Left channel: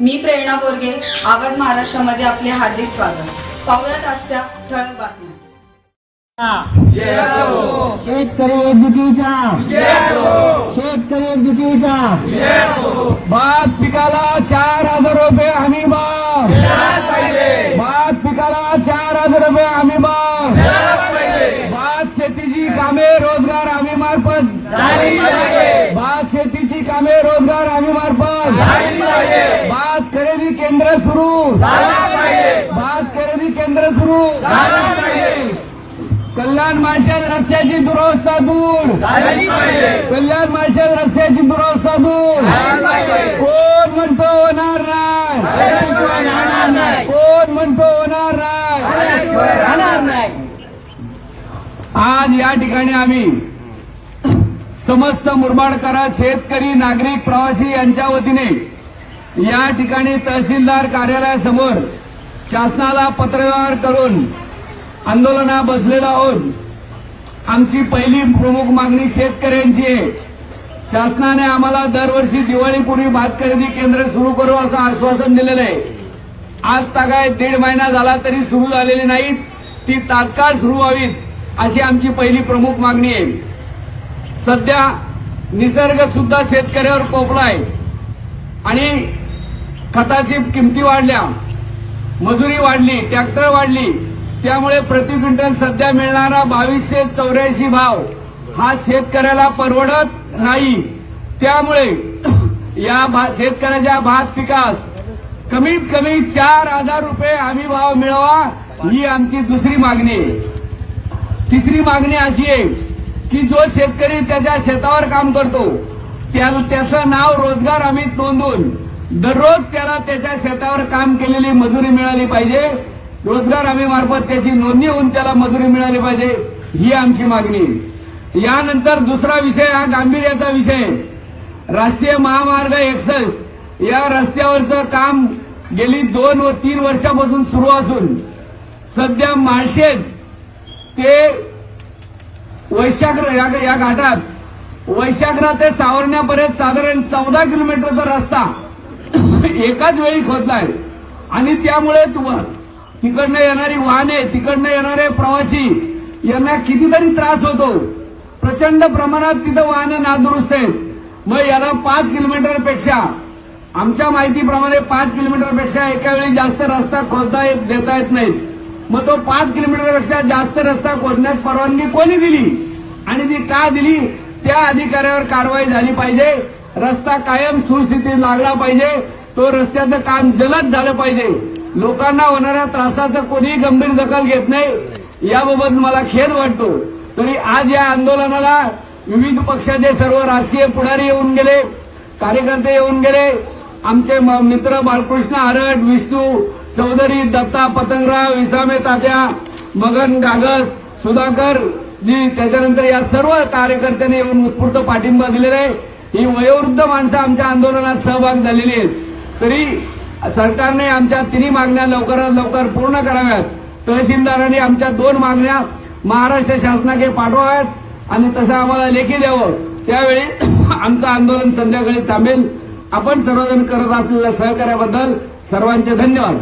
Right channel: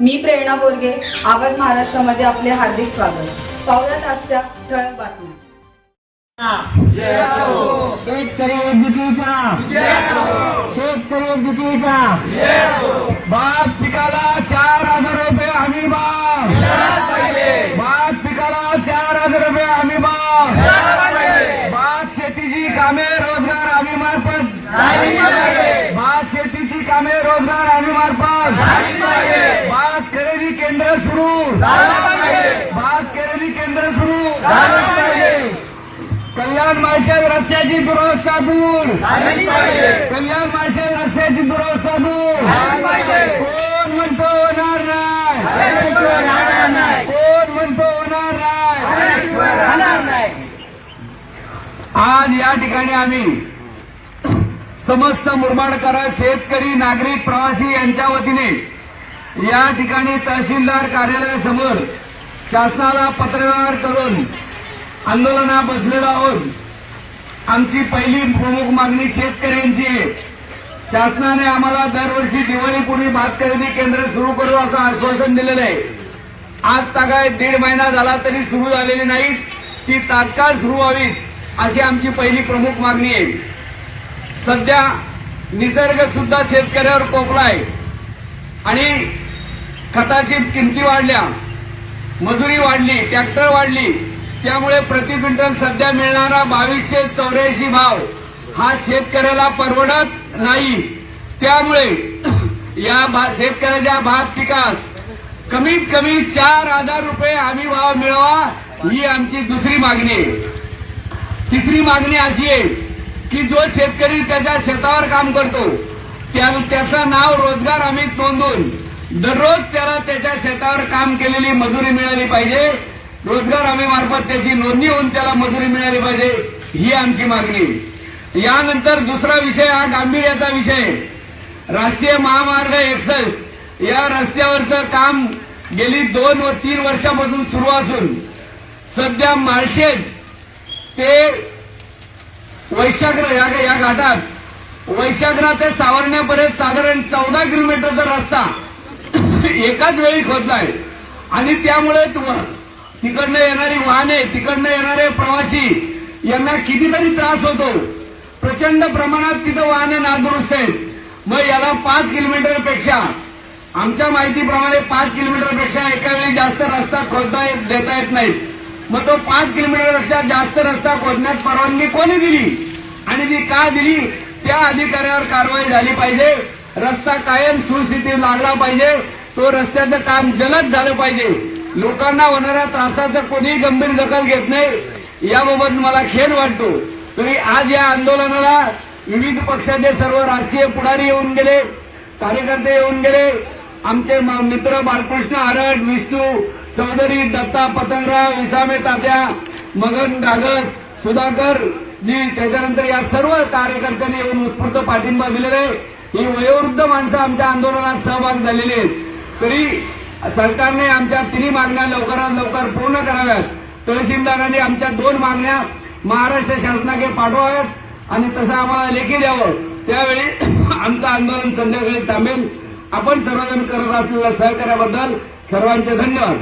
मी प्रेरणा बोरगे, आवाज महाराष्ट्रामध्ये आपले हार्दिक स्वागत. पाहुयात आजच्या ठळक बातम्या. शेतकरी एकजुटीचा शेतकरी एकजुटीचा भात पिकाला 4,000 रुपये हमी भाव. भात पिकाला 4,000 रुपये हमी भाव. भात शेतीची कामे रोजगार हमी मार्फत भात शेतीची कामे रोजगार हमी मार्फत भात खरेदी केंद्र सुरू भात खरेदी केंद्र सुरू कल्याण माळशेज रस्त्याची दुरवस्था दूर कल्याण माळशेज रस्त्याची दुरवस्था दूर कोण म्हणतो होणार नाही कोण म्हणतो होणार नाही. आज या ठिकाणी आम्ही समस्त मुरबाडकर शेतकरी नागरिक प्रवासी यांच्या वतीने या ठिकाणी तहसीलदार कार्यालयासमोर शासनाला पत्रव्यवहार करून आंदोलना बसलेलो आहोत. आमची पहिली प्रमुख मागणी शेतकऱ्यांची आहे. शासनाने आम्हाला दरवर्षी दिवाळीपूर्वी भात खरेदी केंद्र सुरू करू असं आश्वासन दिलेलं आहे. आज तागाय 1.5 महिना झाला तरी सुरू झालेली नाहीत. ती तात्काळ सुरू व्हावीत अशी आमची पहिली प्रमुख मागणी आहे. सध्या निसर्ग सुद्धा शेतकऱ्यावर कोपलाय आणि खताची किमती वाढल्या, मजुरी वाढली, ट्रॅक्टर वाढली. त्यामुळे प्रति क्विंटल सध्या मिळणारा 2284 भाव हा शेतकऱ्याला परवडत नाही. त्यामुळे या शेतकऱ्याच्या भात पिकास कमीत कमी 4,000 रुपये हमी भाव मिळावा ही आमची दुसरी मागणी आहे. तिसरी मागणी अशी आहे की जो शेतकरी त्याच्या शेतावर काम करतो त्याचं नाव रोजगार हमीत नोंदवून दररोज त्याला त्याच्या शेतावर काम केलेली मजुरी मिळाली पाहिजे. रोजगार हमी मार्फत त्याची नोंदणी होऊन त्याला मजुरी मिळाली पाहिजे ही आमची मागणी. यानंतर दुसरा विषय हा गांभीर्याचा विषय. राष्ट्रीय महामार्ग 61 या रस्त्यावरचं काम गेली 2 व 3 वर्षापासून सुरू असून सध्या माळशेज ते वैशाख या घाटात वैशाखरा ते सावर्ण्यापर्यंत साधारण 14 किलोमीटरचा रस्ता एकाच वेळी खोदलाय आणि त्यामुळे तिकडनं येणारी वाहने, तिकडनं येणारे प्रवासी यांना कितीतरी त्रास होतो. प्रचंड प्रमाणात तिथं वाहने नादुरुस्त आहेत. मग याला 5 किलोमीटरपेक्षा आमच्या माहितीप्रमाणे 5 किलोमीटरपेक्षा एका वेळी जास्त रस्ता देता येत नाहीत. मग तो 5 किलोमीटरपेक्षा जास्त रस्ता खोदण्यास परवानगी कोणी दिली आणि ती का दिली त्या अधिकाऱ्यावर कारवाई झाली पाहिजे. रस्ता कायम सुस्थितीत लागला पाहिजे. तो रस्त्याचं काम जलद झालं पाहिजे. लोकांना होणाऱ्या त्रासाचं कोणीही गंभीर दखल घेत नाही. याबाबत मला खेद वाटतो. तरी आज या आंदोलनाला विविध पक्षाचे सर्व राजकीय पुढारी येऊन गेले, कार्यकर्ते येऊन गेले. आमचे मित्र बालकृष्ण आरड, विष्णू चौधरी, दत्ता पतंगराव, विसामे तात्या, मगन गागस, सुधाकर जी, त्याच्यानंतर या सर्व कार्यकर्त्यांनी येऊन उत्स्फूर्त पाठिंबा दिलेला आहे. ही वयोवृद्ध माणसं आमच्या आंदोलनात सहभाग झालेली आहेत. तरी सरकारने आमच्या 3 मागण्या लवकरात लवकर पूर्ण कराव्यात. तहसीलदारांनी आमच्या 2 मागण्या महाराष्ट्र शासनाकडे पाठवाव्यात आणि तसं आम्हाला लेखी द्यावं. त्यावेळी आमचं आंदोलन संध्याकाळी थांबेल. आपण सर्वजण करत असलेल्या सहकार्याबद्दल सर्वांचे धन्यवाद.